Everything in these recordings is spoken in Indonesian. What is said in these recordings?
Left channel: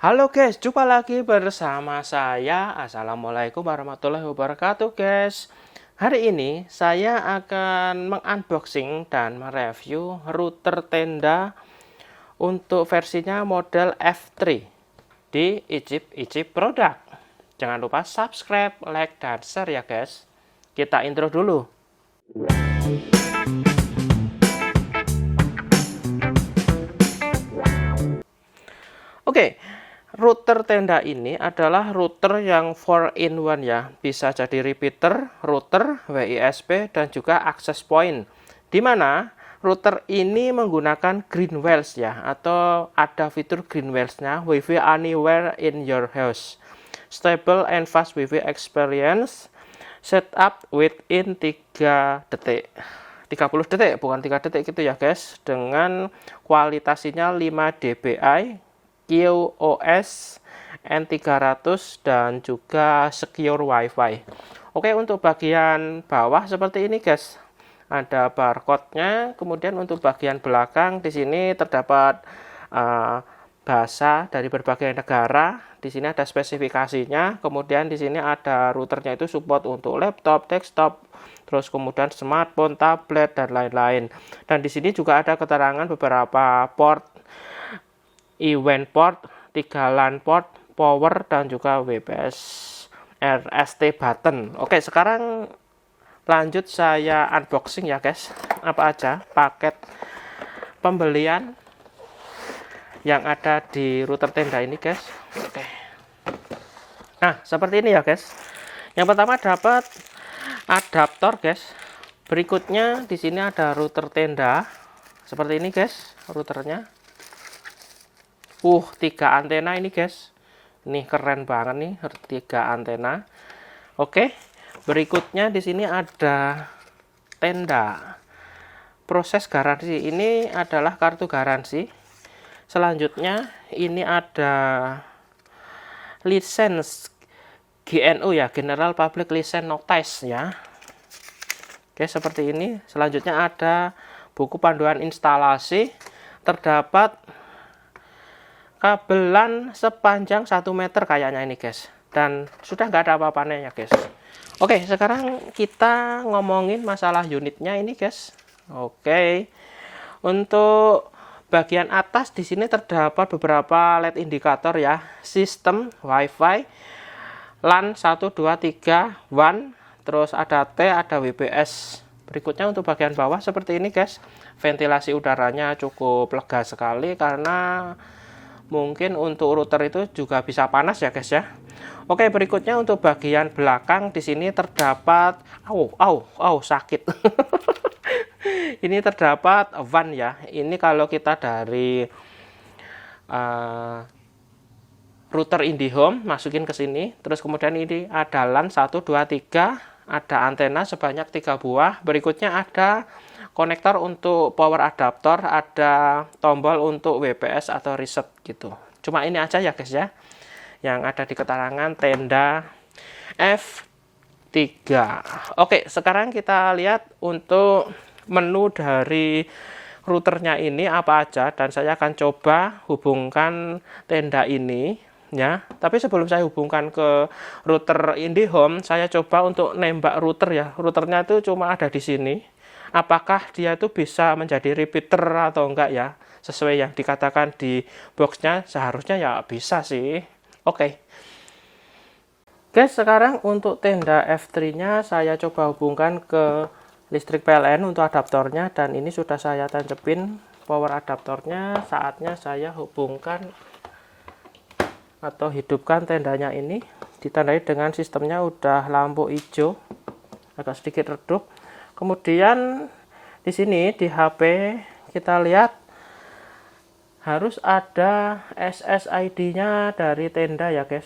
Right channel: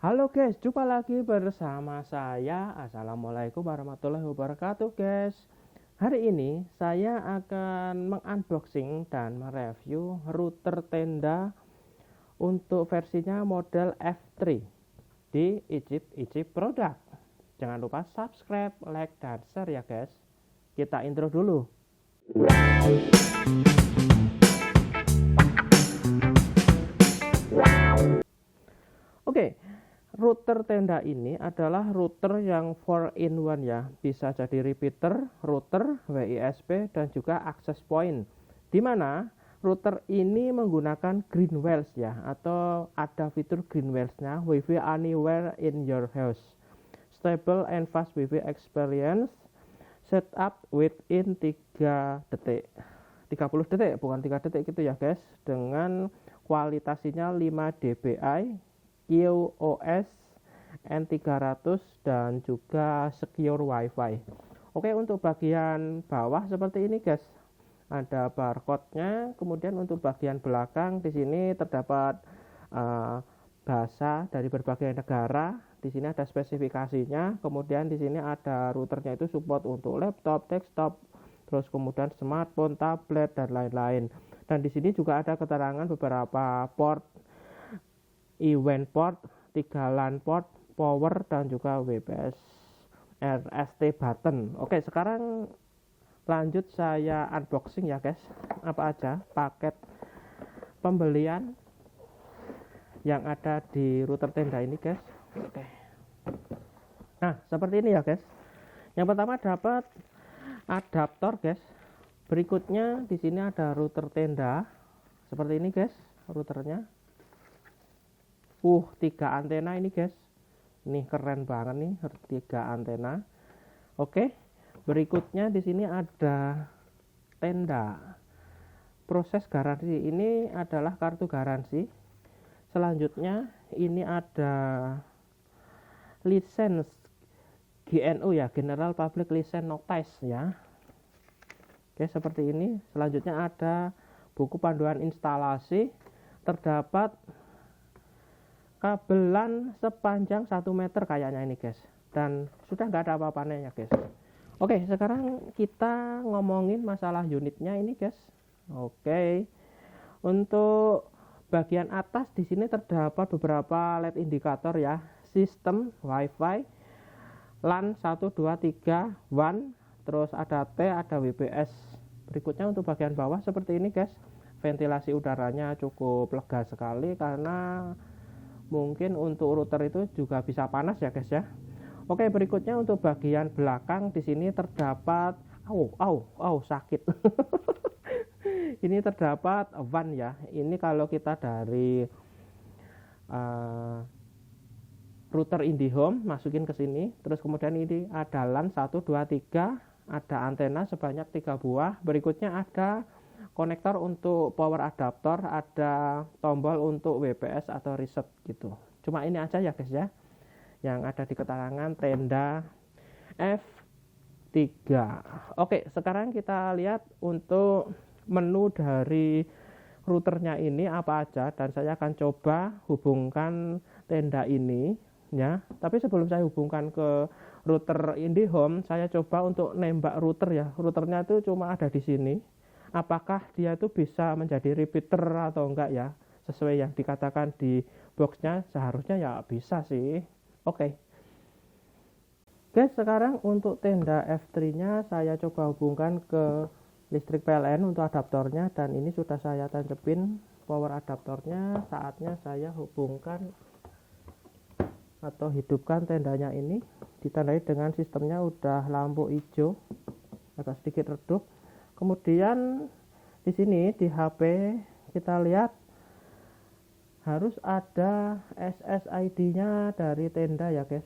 Halo guys, jumpa lagi bersama saya. Assalamualaikum warahmatullahi wabarakatuh guys. Hari ini saya akan mengunboxing dan mereview router tenda untuk versinya model F3 di Icip Product. Jangan lupa subscribe, like, dan share ya guys. Kita intro dulu. Oke. Router tenda ini adalah router yang 4-in-1 ya. Bisa jadi repeater, router, WISP, dan juga access point. Dimana router ini menggunakan Greenwells ya. Atau ada fitur Greenwells-nya, WiFi anywhere in your house. Stable and fast WiFi experience. Setup within 3 detik. 30 detik, bukan 3 detik gitu ya guys. Dengan kualitasnya 5 dpi. QoS N300 dan juga secure WiFi. Oke, untuk bagian bawah seperti ini guys. Ada barcode-nya, kemudian untuk bagian belakang di sini terdapat bahasa dari berbagai negara. Di sini ada spesifikasinya, kemudian di sini ada routernya itu support untuk laptop, desktop, terus kemudian smartphone, tablet, dan lain-lain. Dan di sini juga ada keterangan beberapa port, event port, 3 LAN port, power, dan juga WPS RST button. Oke, sekarang lanjut saya unboxing ya guys. Apa aja paket pembelian yang ada di router tenda ini guys. Oke. Nah, seperti ini ya guys. Yang pertama dapat adaptor guys. Berikutnya di sini ada router tenda. Seperti ini guys, routernya. 3 antena ini guys. Ini keren banget nih, 3 antena. Oke. Berikutnya di sini ada tenda. Proses garansi ini adalah kartu garansi. Selanjutnya ini ada license GNU ya, General Public License Notice ya. Oke, seperti ini. Selanjutnya ada buku panduan instalasi. Terdapat kabelan sepanjang 1 meter kayaknya ini guys, dan sudah nggak ada apa-apanya ya guys. Oke, sekarang kita ngomongin masalah unitnya ini guys. Oke, untuk bagian atas di sini terdapat beberapa LED indikator ya, sistem WiFi, LAN 1, 2, 3, WAN, terus ada T, ada WPS. Berikutnya untuk bagian bawah seperti ini guys, ventilasi udaranya cukup lega sekali karena mungkin untuk router itu juga bisa panas ya guys ya. Oke, berikutnya untuk bagian belakang di sini terdapat sakit. Ini terdapat WAN ya. Ini kalau kita dari router IndiHome masukin ke sini, terus kemudian ini ada LAN 1, 2, 3, ada antena sebanyak 3 buah. Berikutnya ada konektor untuk power adapter, ada tombol untuk WPS atau reset gitu. Cuma ini aja ya guys ya, yang ada di keterangan tenda F3. Oke, sekarang kita lihat untuk menu dari routernya ini apa aja, dan saya akan coba hubungkan tenda ini ya. Tapi sebelum saya hubungkan ke router IndiHome, saya coba untuk nembak router ya. Routernya itu cuma ada di sini. Apakah dia itu bisa menjadi repeater atau enggak ya? Sesuai yang dikatakan di boxnya, seharusnya ya bisa sih. Oke. Guys, sekarang untuk tenda F3-nya saya coba hubungkan ke listrik PLN untuk adaptornya, dan ini sudah saya tancepin power adaptornya. Saatnya saya hubungkan atau hidupkan tendanya ini. Ditandai dengan sistemnya udah lampu hijau, agak sedikit redup. Kemudian di sini di HP kita lihat harus ada SSID-nya dari tenda ya guys.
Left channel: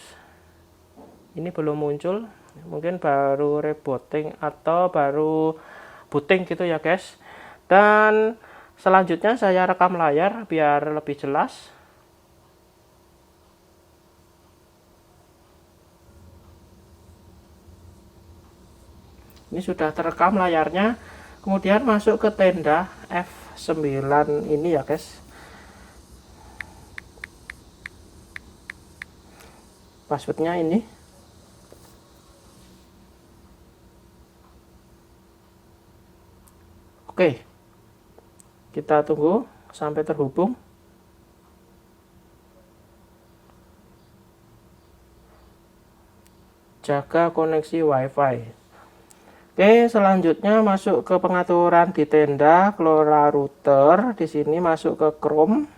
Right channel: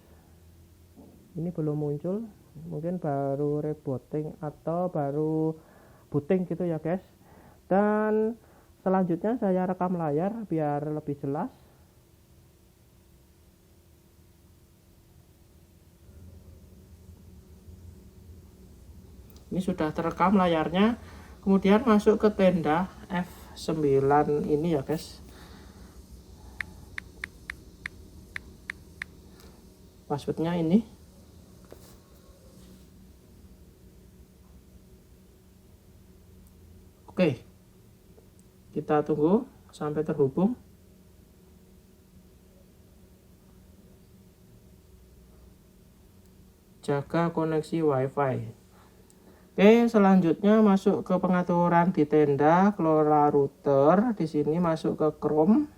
Ini belum muncul, mungkin baru rebooting atau baru booting gitu ya guys. Dan selanjutnya saya rekam layar biar lebih jelas. Ini sudah terekam layarnya. Kemudian masuk ke tenda F9 ini ya guys. passwordnya ini. Oke, kita tunggu sampai terhubung. Jaga koneksi WiFi. Oke, selanjutnya masuk ke pengaturan di tenda, kelola router. Di sini masuk ke Chrome.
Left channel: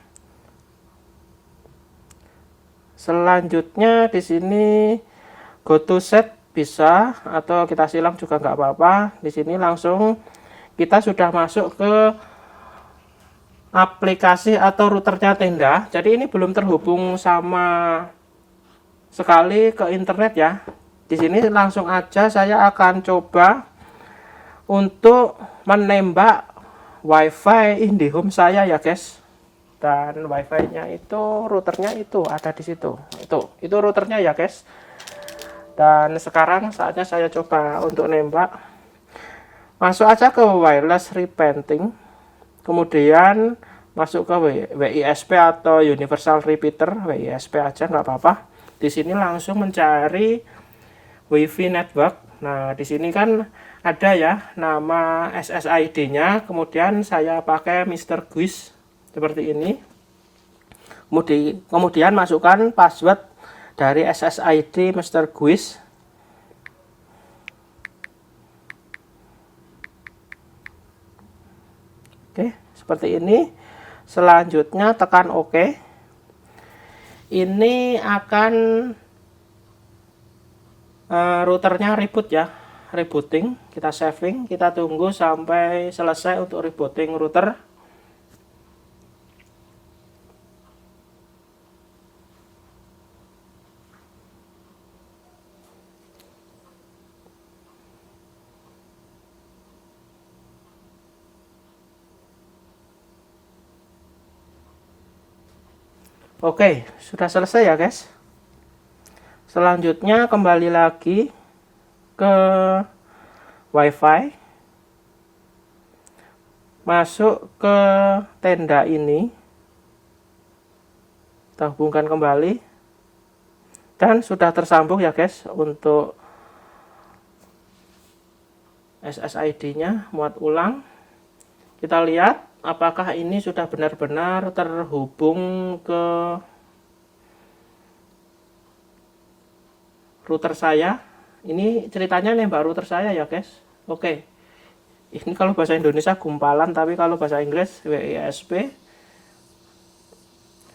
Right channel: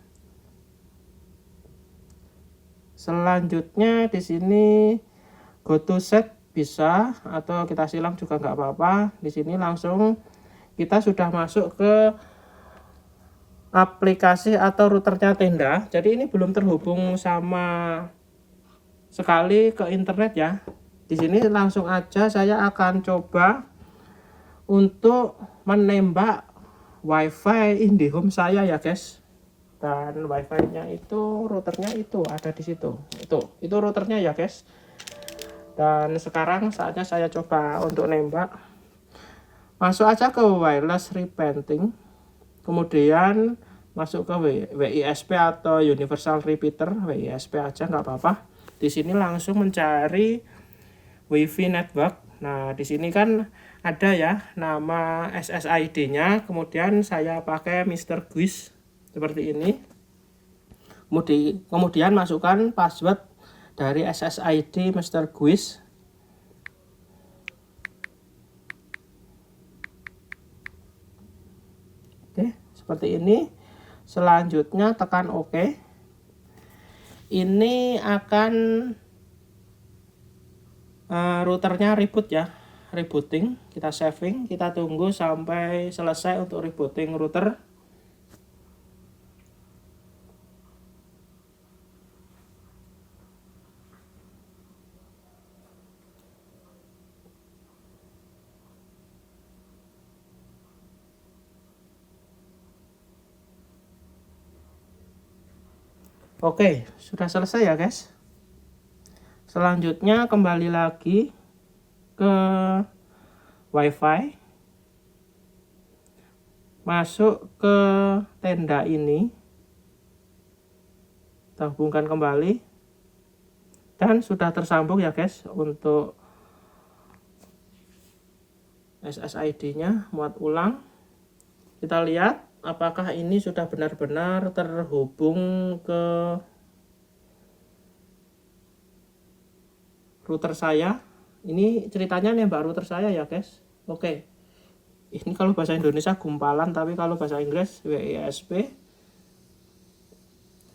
Selanjutnya di sini go to set bisa, atau kita silang juga nggak apa-apa. Di sini langsung kita sudah masuk ke aplikasi atau routernya tenda. Jadi ini belum terhubung sama sekali ke internet ya. Di sini langsung aja saya akan coba untuk menembak WiFi IndiHome saya ya guys. Dan WiFi-nya itu, routernya itu ada di situ. Itu routernya ya guys. Dan sekarang saatnya saya coba untuk nembak. Masuk aja ke wireless repainting, kemudian masuk ke WISP atau universal repeater, WISP aja nggak apa-apa. Di sini langsung mencari WiFi network. Nah, di sini kan ada ya nama SSID-nya, kemudian saya pakai Mr. Guis seperti ini. Kemudian masukkan password dari SSID Mr. Guis. Oke, seperti ini. Selanjutnya tekan OK. Ini akan routernya reboot ya, rebooting. Kita saving, kita tunggu sampai selesai untuk rebooting router. Oke, sudah selesai ya guys. Selanjutnya kembali lagi ke WiFi. Masuk ke tenda ini. Kita hubungkan kembali. Dan sudah tersambung ya guys untuk SSID-nya. Muat ulang. Kita lihat apakah ini sudah benar-benar terhubung ke router saya. Ini ceritanya nembak router saya ya guys. Oke, ini kalau bahasa Indonesia gumpalan, tapi kalau bahasa Inggris WISP.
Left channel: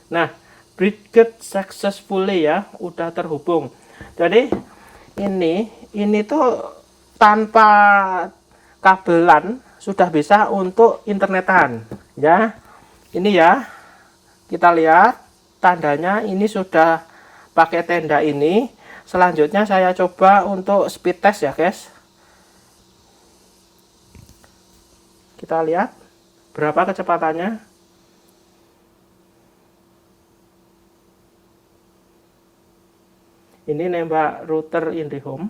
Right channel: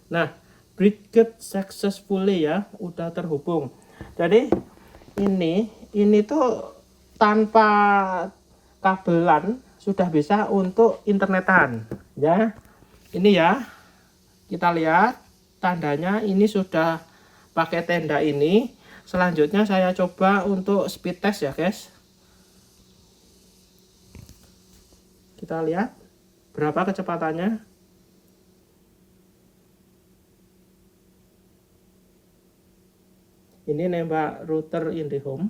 Nah, bridged successfully ya, udah terhubung. Jadi ini tuh tanpa kabelan sudah bisa untuk internetan ya. Ini ya, kita lihat tandanya ini sudah pakai tenda ini. Selanjutnya saya coba untuk speed test ya guys. Kita lihat berapa kecepatannya. Ini nembak router IndiHome.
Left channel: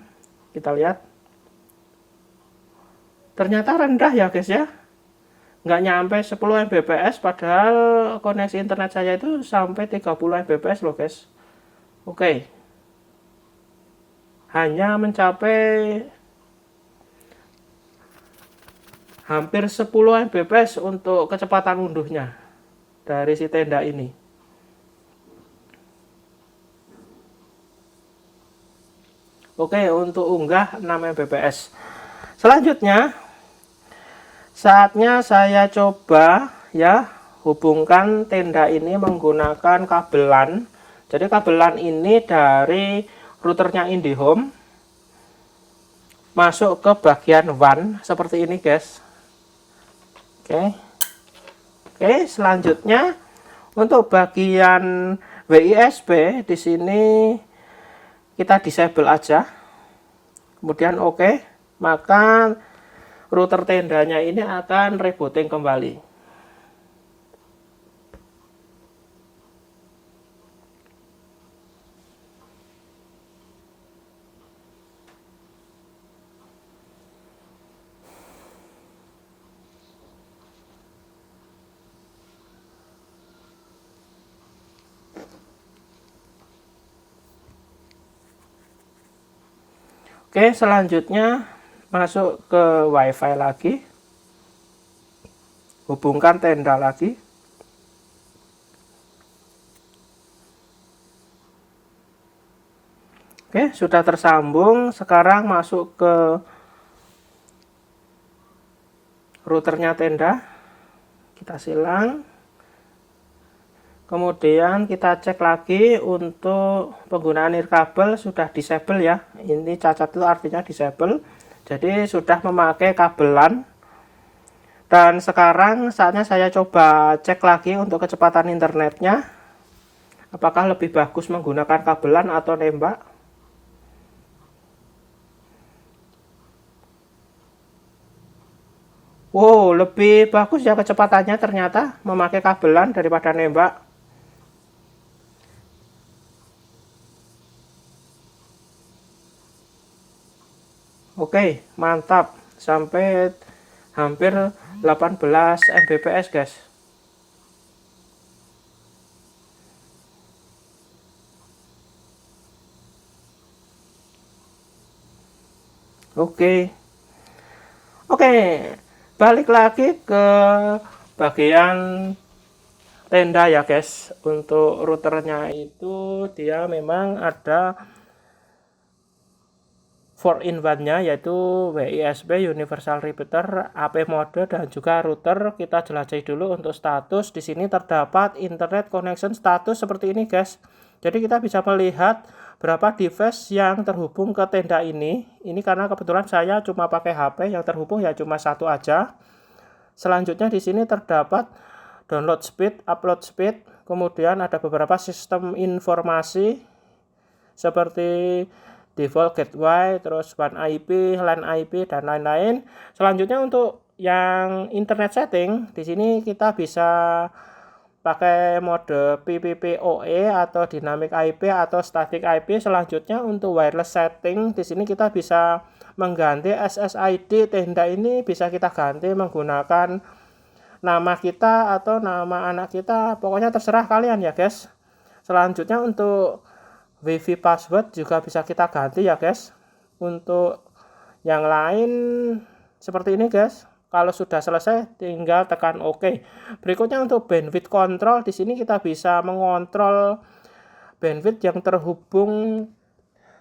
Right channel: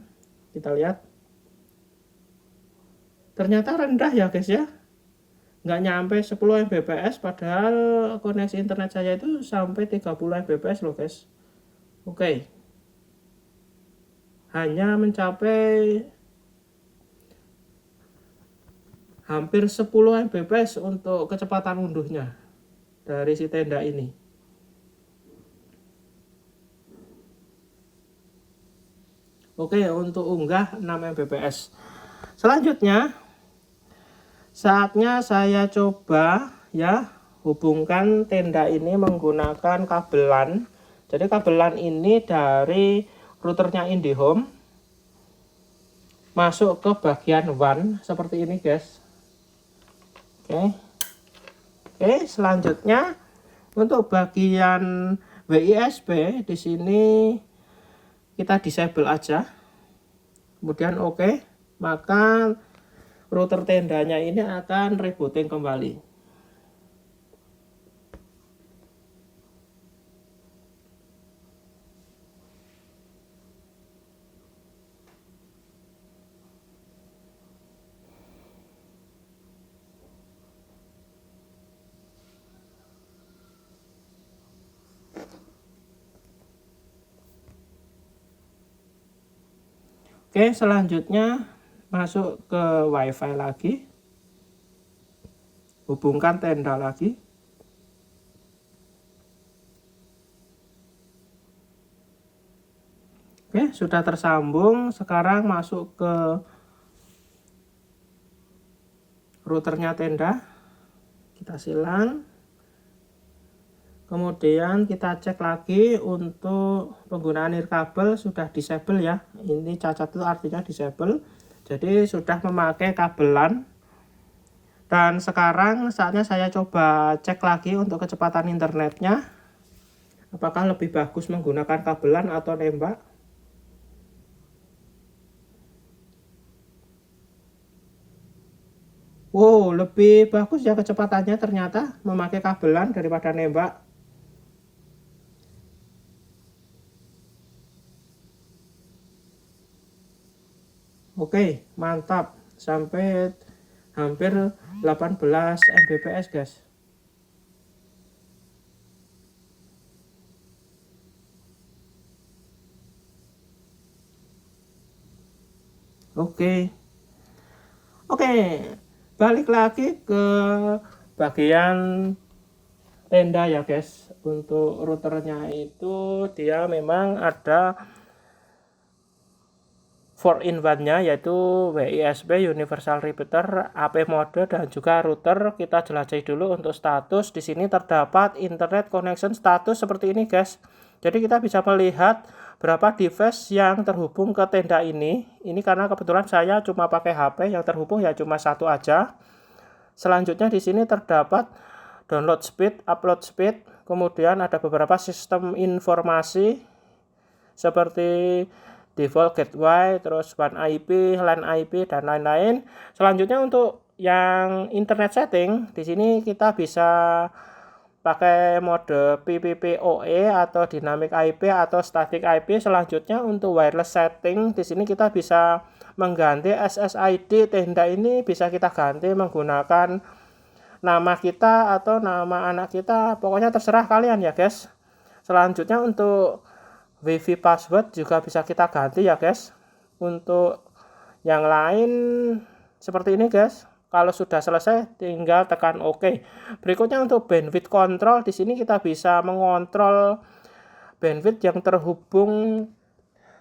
Kita lihat. Ternyata rendah ya guys ya. Nggak nyampe 10 Mbps, padahal koneksi internet saya itu sampai 30 Mbps loh guys. Oke. Hanya mencapai hampir 10 Mbps untuk kecepatan unduhnya dari si tenda ini. Oke, untuk unggah 6 Mbps. Selanjutnya saatnya saya coba ya hubungkan tenda ini menggunakan kabelan. Jadi kabelan ini dari routernya IndiHome masuk ke bagian WAN seperti ini guys. Oke, selanjutnya untuk bagian WISP di sini kita disable aja. Kemudian oke, maka router tendanya ini akan rebooting kembali. Oke, selanjutnya masuk ke WiFi lagi. Hubungkan tenda lagi. Oke, sudah tersambung. Sekarang masuk ke routernya tenda. Kita silang. Kemudian kita cek lagi untuk penggunaan nirkabel sudah disable ya. Ini cacat itu artinya disable. Jadi sudah memakai kabelan. Dan sekarang saatnya saya coba cek lagi untuk kecepatan internetnya. Apakah lebih bagus menggunakan kabelan atau nembak? Wow, lebih bagus ya kecepatannya ternyata memakai kabelan daripada nembak. Oke, mantap. Sampai hampir 18 Mbps, guys. Oke. Oke, balik lagi ke bagian tenda ya, guys. Untuk routernya itu dia memang ada 4-in-1-nya, yaitu WISP Universal Repeater, AP mode, dan juga router. Kita jelajahi dulu untuk status. Di sini terdapat internet connection status seperti ini, guys. Jadi kita bisa melihat berapa device yang terhubung ke tenda ini. Ini karena kebetulan saya cuma pakai HP, yang terhubung ya cuma satu aja. Selanjutnya di sini terdapat download speed, upload speed, kemudian ada beberapa sistem informasi seperti default gateway, terus WAN IP, LAN IP, dan lain-lain. Selanjutnya untuk yang internet setting, di sini kita bisa pakai mode PPPoE atau dynamic IP atau static IP. Selanjutnya untuk wireless setting, di sini kita bisa mengganti SSID tenda ini, bisa kita ganti menggunakan nama kita atau nama anak kita, pokoknya terserah kalian ya, guys. Selanjutnya untuk WiFi password juga bisa kita ganti ya, guys. Untuk yang lain seperti ini, guys. Kalau sudah selesai tinggal tekan OK. Berikutnya untuk bandwidth control, di sini kita bisa mengontrol bandwidth yang terhubung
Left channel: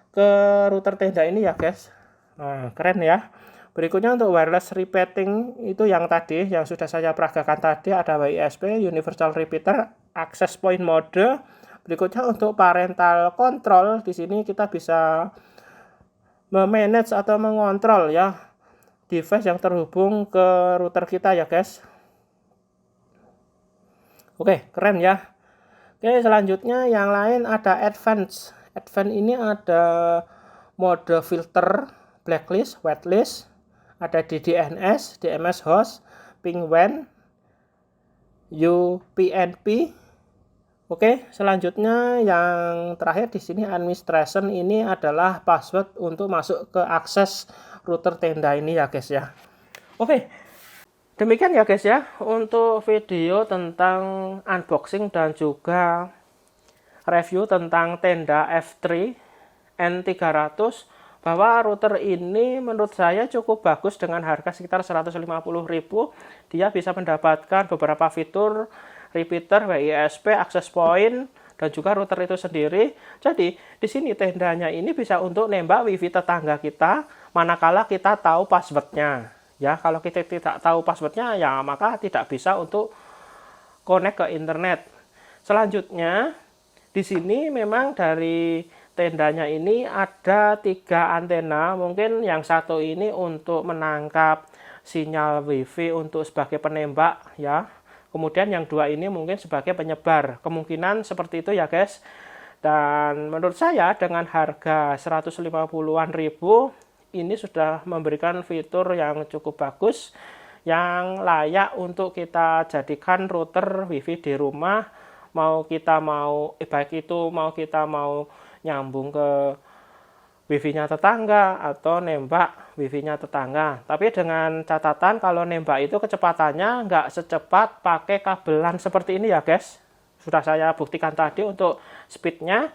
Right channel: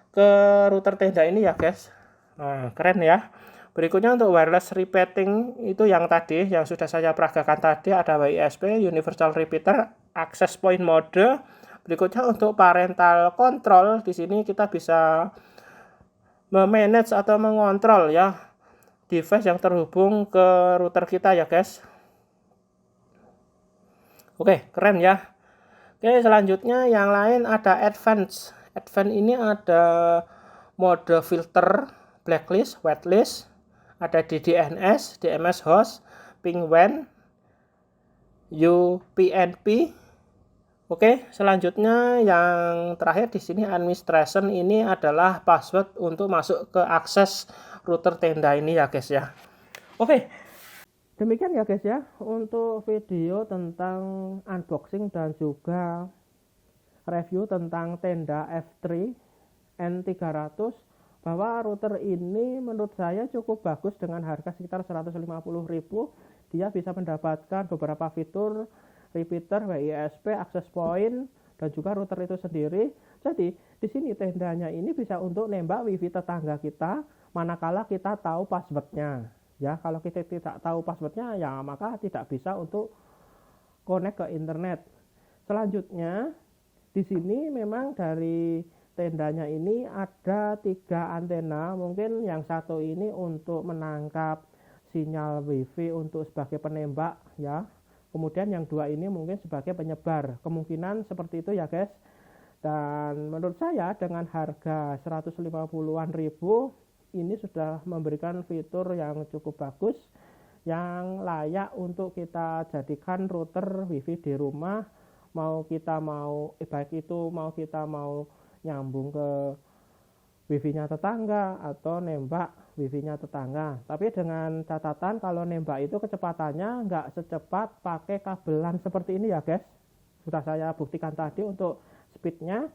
ke router tenda ini ya, guys. Nah, keren ya. Berikutnya untuk wireless repeating, itu yang tadi yang sudah saya peragakan tadi, ada WISP Universal Repeater access point mode. Berikutnya untuk parental control, di sini kita bisa memanage atau mengontrol ya device yang terhubung ke router kita ya, guys. Oke, keren ya. Oke, selanjutnya yang lain ada advance. Advance ini ada mode filter, blacklist, whitelist, ada DDNS, DMS host, ping WAN, UPnP. Oke, selanjutnya yang terakhir di sini administration, ini adalah password untuk masuk ke akses router tenda ini ya, guys ya. Oke, demikian ya, guys ya untuk video tentang unboxing dan juga review tentang tenda F3 N300, bahwa router ini menurut saya cukup bagus dengan harga sekitar 150.000. Dia bisa mendapatkan beberapa fitur repeater, WISP, access point, dan juga router itu sendiri. Jadi di sini tendanya ini bisa untuk nembak wifi tetangga kita manakala kita tahu passwordnya. Ya, kalau kita tidak tahu passwordnya ya maka tidak bisa untuk connect ke internet. Selanjutnya di sini memang dari tendanya ini ada 3 antena. Mungkin yang satu ini untuk menangkap sinyal wifi untuk sebagai penembak ya. Kemudian yang 2 ini mungkin sebagai penyebar. Kemungkinan seperti itu ya, guys. Dan menurut saya dengan harga 150-an ribu ini sudah memberikan fitur yang cukup bagus, yang layak untuk kita jadikan router wifi di rumah. Baik itu mau kita mau nyambung ke wifi-nya tetangga atau nembak wifi-nya tetangga. Tapi dengan catatan kalau nembak itu kecepatannya nggak secepat pakai kabelan seperti ini ya, guys. Sudah saya buktikan tadi untuk speednya.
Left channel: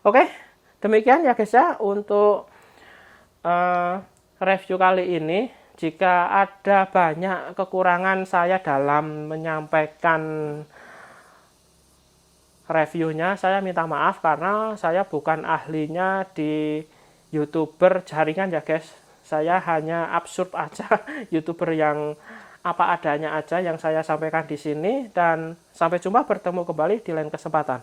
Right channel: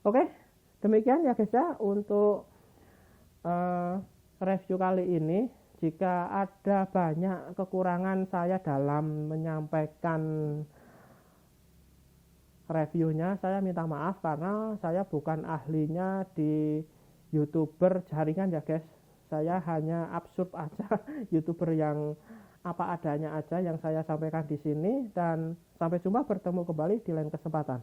Oke, demikian ya, guys ya untuk review kali ini. Jika ada banyak kekurangan saya dalam menyampaikan reviewnya, saya minta maaf karena saya bukan ahlinya di YouTuber jaringan ya guys. Saya hanya absurd aja YouTuber yang apa adanya aja yang saya sampaikan di sini, dan sampai jumpa, bertemu kembali di lain kesempatan.